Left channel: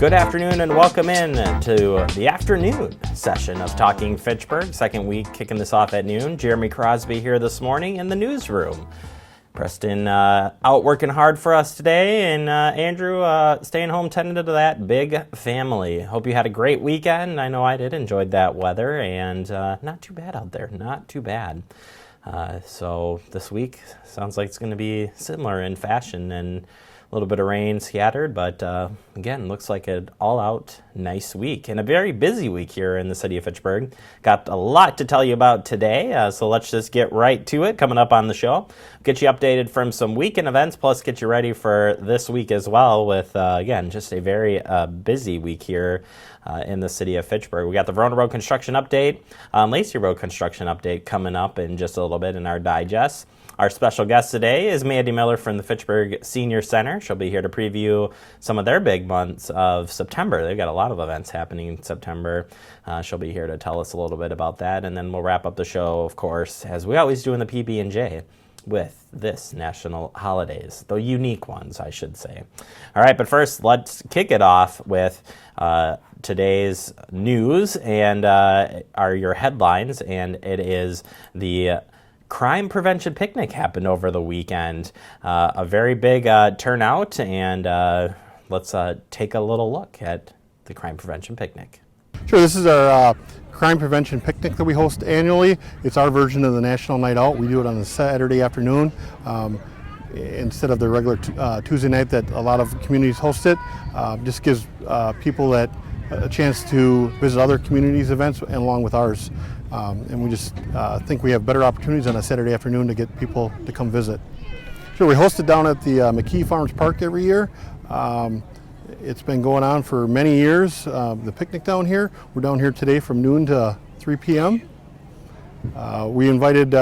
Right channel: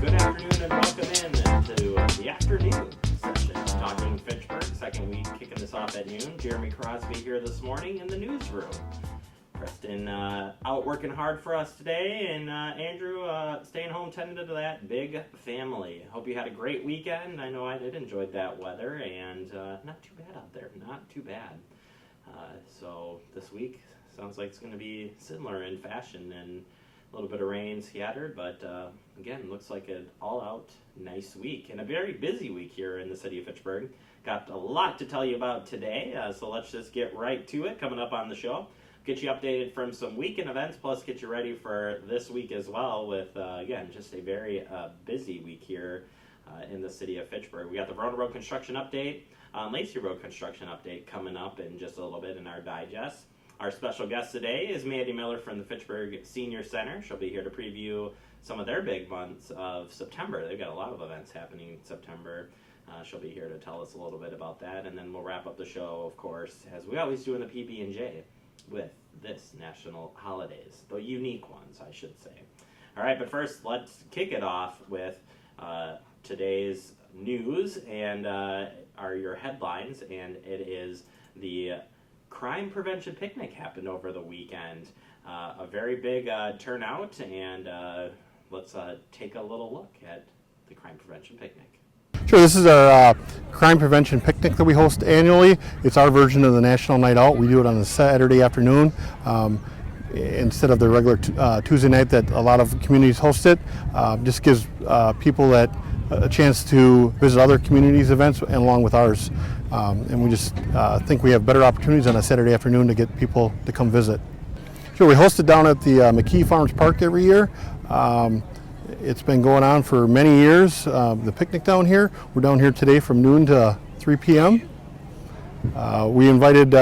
Good afternoon and welcome in to the afternoon session of Talking Fitchburg. Second week kicking this off at noon. Jeremy Crosby here this morning in the newsroom. Preston out working hard for us today, and Andrew staying home tending to that big family. Hope you had a great weekend. I know I did. Enjoyed that weather, and not too bad out there. Not too bad. So this week sounds like it's going to be similar in fashion, and a little bit of rain scattered, but again, looks like an all-out nice week and a very busy week here in the city of Fitchburg. Got a lot to tell you about today, so let's just get right to it. Coming up on the show, get you updated from some weekend events, plus get you ready for this week as well with, again, just a very busy week here in the city of Fitchburg. We got the Verona Road construction update, Lacey Road construction update coming up in just a little bit in our digest. Our special guest today is Mandy Miller from the Fitchburg Senior Center. She'll be here to preview some of their big months of September. They've got a lot of events happening in September. She'll be here to tell us a little bit about that, and then we'll wrap up the show, of course, as we always do in the PB&J, with this national holidays, the unique ones, I should say. All right, but first, let's kick it off with today's news and are your headlines, and it is the Crime Prevention Picnic happened over the weekend. A very big turnout, and let's take a little look at the Crime Prevention Picnic. Sure, this is our Crime Prevention Picnic that we host annually. It's our version of the National Night Out. We do it on a Saturday afternoon instead of the regular Tuesday night that a lot of communities host it. Just gives people that a chance to visit other communities' events and along with ours. And we just think we have better opportunities on a Saturday afternoon to get people to come visit. Sure, we host it down at the McKee Farms Park every year. It's been going on for many years, the picnic down here. We're down here today from noon to 3 p.m. We invited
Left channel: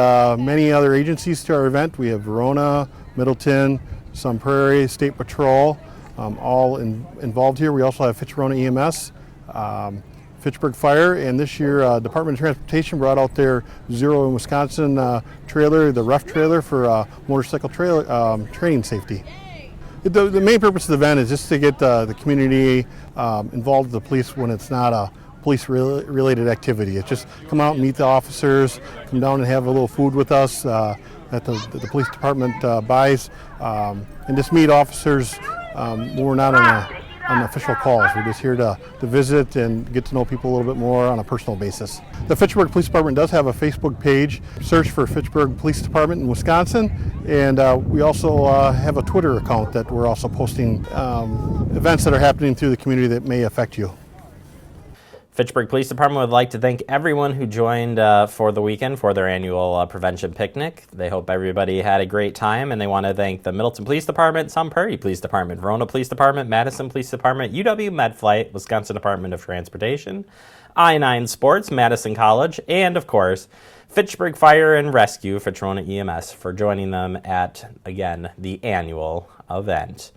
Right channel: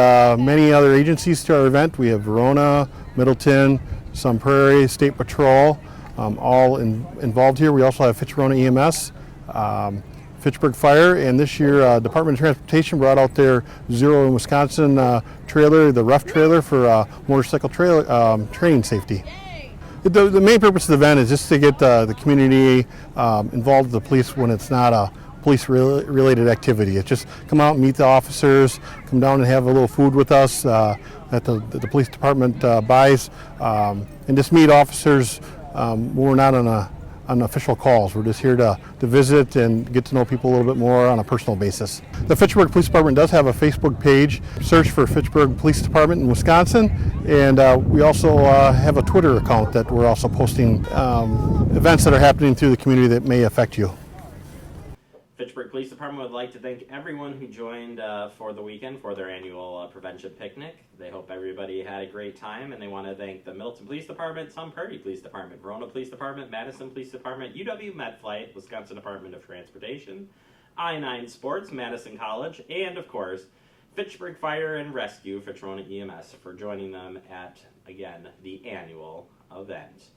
many other agencies to our event. We have Verona, Middleton, Sun Prairie, State Patrol, all involved here. We also have Fitch-Verona EMS. Fitchburg Fire, and this year Department of Transportation brought out their Zero in Wisconsin trailer, the rough trailer for motorcycle training safety. The main purpose of the event is just to get the community involved with the police when it's not a police-related activity. It's just come out and meet the officers, come down and have a little food with us that the police department buys, and just meet officers when we're not on official calls. We're just here to visit and get to know people a little bit more on a personal basis. The Fitchburg Police Department does have a Facebook page. Search for Fitchburg Police Department in Wisconsin, and we also have a Twitter account that we're also posting events that are happening through the community that may affect you. Fitchburg Police Department would like to thank everyone who joined for the weekend for their annual prevention picnic. They hope everybody had a great time, and they want to thank the Middleton Police Department, Sun Prairie Police Department, Verona Police Department, Madison Police Department, UW MedFlight, Wisconsin Department of Transportation, I-9 Sports, Madison College, and of course, Fitchburg Fire and Rescue, Fitch-Verona EMS, for joining them at, again, the annual event.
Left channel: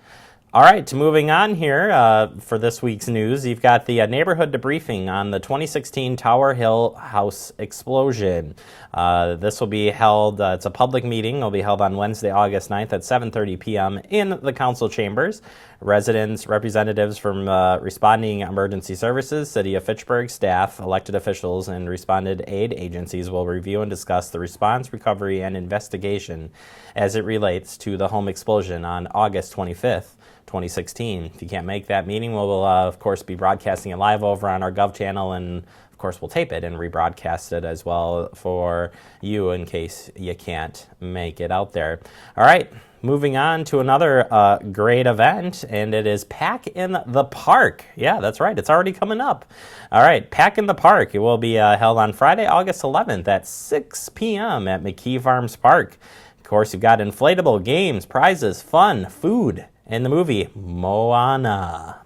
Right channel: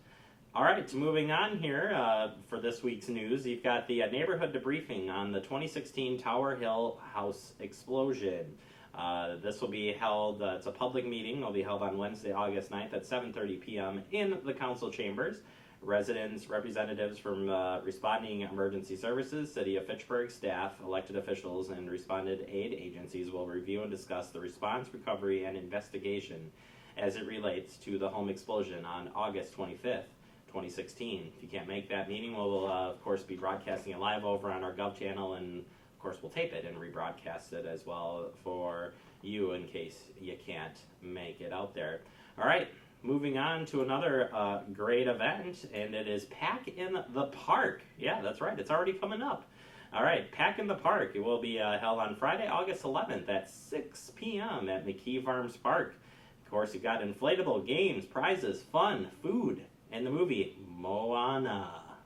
All right, moving on here for this week's news, you've got the neighborhood debriefing on the 2016 Tower Hill house explosion. This will be held, it's a public meeting, it'll be held on Wednesday, August 9th at 7:30 p.m. in the council chambers. Residents, representatives from responding emergency services, City of Fitchburg staff, elected officials, and responded aid agencies will review and discuss the response, recovery, and investigation as it relates to the home explosion on August 25th. 2016. If you can't make that meeting, we'll of course be broadcasting it live over on our Gov channel, and of course we'll tape it and rebroadcast it as well for you in case you can't make it out there. All right, moving on to another great event, and it is Pack in the Park. Yeah, that's right, it's already coming up. All right, Pack in the Park. It will be held on Friday, August 11th at 6 p.m. at McKee Farms Park. Of course, you've got inflatable games, prizes, fun, food, and the movie Moana,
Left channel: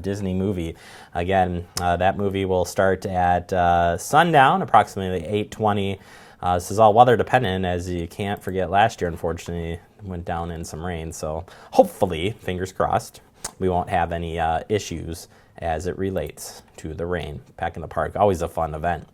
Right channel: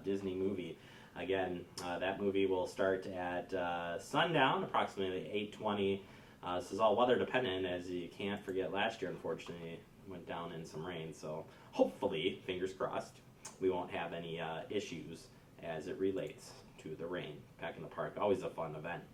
Disney movie. Again, that movie will start at sundown, approximately 8:20. This is all weather dependent, as you can't forget last year, unfortunately, went down in some rain. So hopefully, fingers crossed, we won't have any issues as it relates to the rain. Pack in the Park, always a fun event.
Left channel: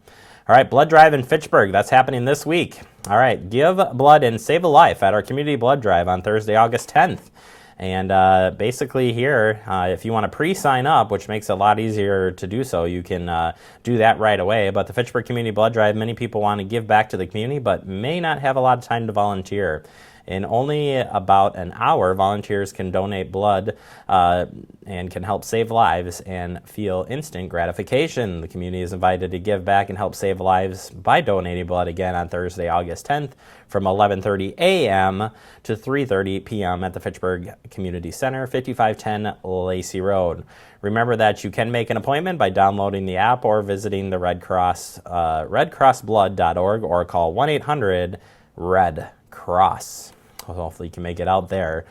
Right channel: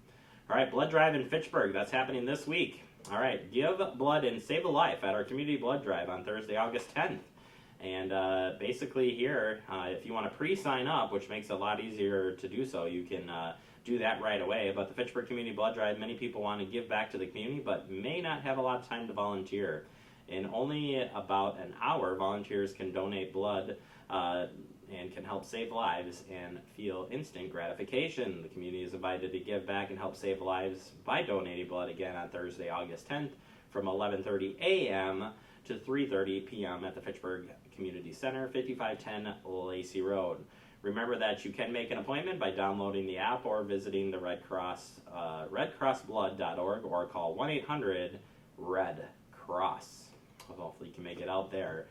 All right, blood drive in Fitchburg. That's happening this week. All right, give blood and save a life at our community blood drive on Thursday, August 10th. And basically here, if you want to pre-sign up, which makes it a lot easier to do so, you can do that right away. But the Fitchburg Community Blood Drive, many people want to give back to the community, but may not have a lot of time to volunteer. In only about an hour, volunteers can donate blood and can help save lives and feel instant gratification. The community is invited to give back and help save lives by donating blood again on Thursday, August 10th from 11:30 a.m. to 3:30 p.m. at the Fitchburg Community Center, 5510 Lacey Road. Remember that you can make an appointment by downloading the app or visiting the Red Cross, redcrossblood.org, or call 1-800-RED-CROSS. Hopefully you can make it out there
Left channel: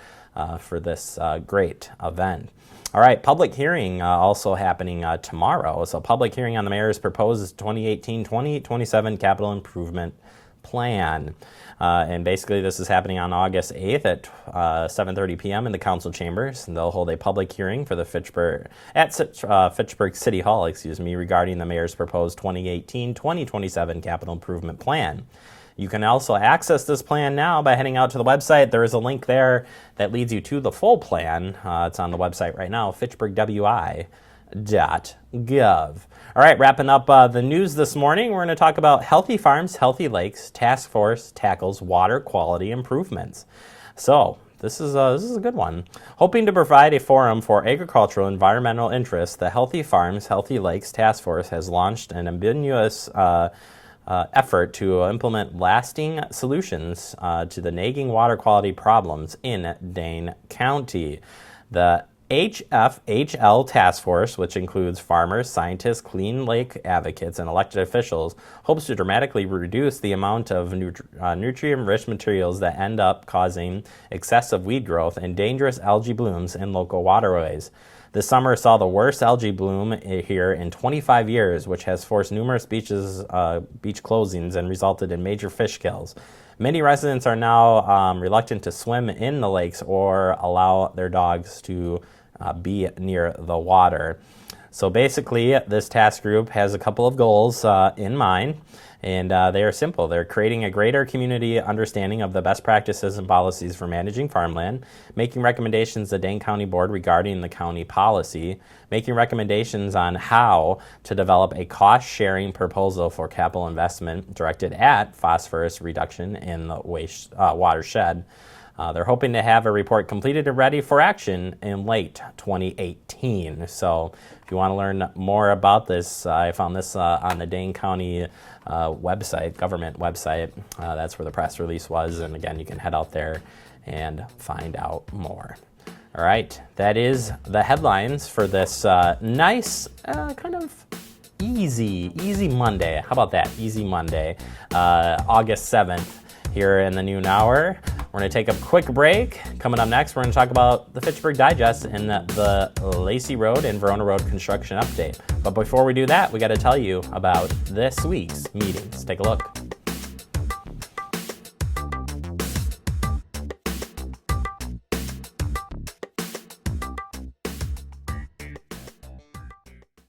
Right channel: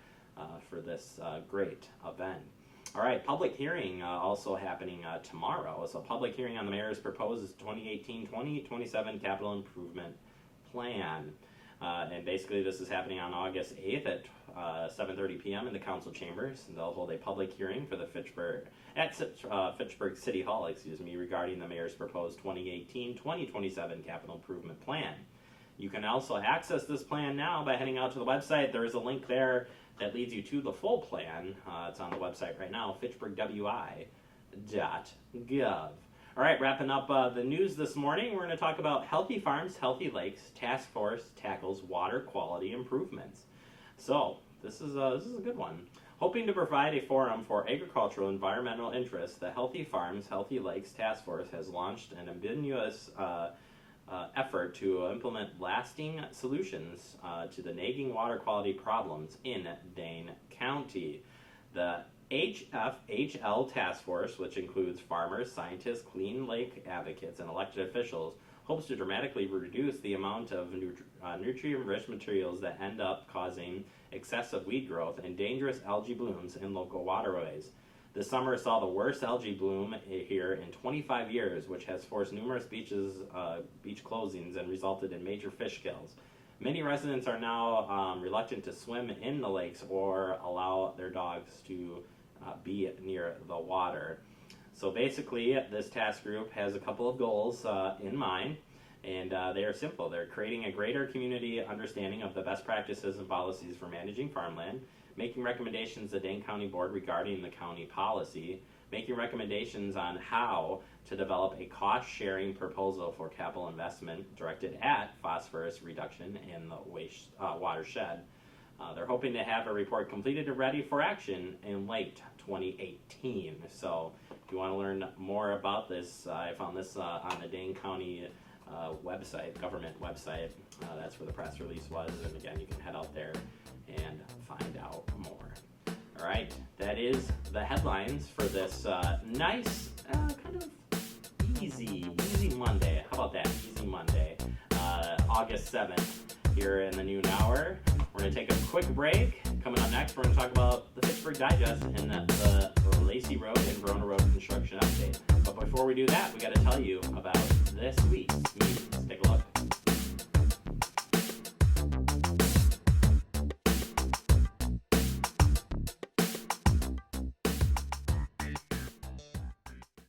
for this great event. All right, public hearing also happening tomorrow. So public hearing on the mayor's proposed 2018-2027 capital improvement plan. And basically this is happening on August 8th at 7:30 p.m. in the council chambers. And they'll hold a public hearing for the Fitchburg City Hall, regarding the mayor's proposed 2018-2027 capital improvement plan. You can also access this plan now by heading out to the website. There is a link there that leads you to the full plan. It's on the website right now, fitchburgwi.gov. All right, wrapping up the news this morning, we're going to talk about Healthy Farms, Healthy Lakes Task Force tackles water quality improvements. So this is a good one. Hoping to provide a forum for agricultural and environmental interests, the Healthy Farms, Healthy Lakes Task Force has launched an ambitious effort to implement lasting solutions to the nagging water quality problems in Dane County. The HFHL Task Force, which includes farmers, scientists, clean lake advocates, and elected officials, hopes to dramatically reduce the amount of nutrient-rich materials that end up causing excessive weed growth and dangerous algae blooms in local waterways. This summer saw the worst algae bloom here in 25 years, which has forced numerous beach closings and resulted in major fish kills. Many residents are now reluctant to swim in the lakes or allow their dogs to be near the water. So basically, this task group has a couple of goals in mind, and they are simple. They're creating a greater community understanding of the best practices and policies for managing farmland, making recommendations to the Dane County Board regarding the county policy, making recommendations on how to develop a cost-sharing proposal for capital investment directed at phosphorus reduction in the watershed. They're hoping to have a report completed and ready for action in late 2018. So if you want to learn more about this, I found this on the Dane County website, government website. That's where the press release was. And again, you can head out there and find out more. All right, that is the headlines for this nice, kind of easy Monday. How about that? Easy Monday, August 7th here in the noon hour. We're going to take a quick break. Coming up next, we're going to talk about the Fitchburg Digest and the Lacey Road and Verona Road construction update. But before we do that, we got to tell you about this week's meetings. Take a look.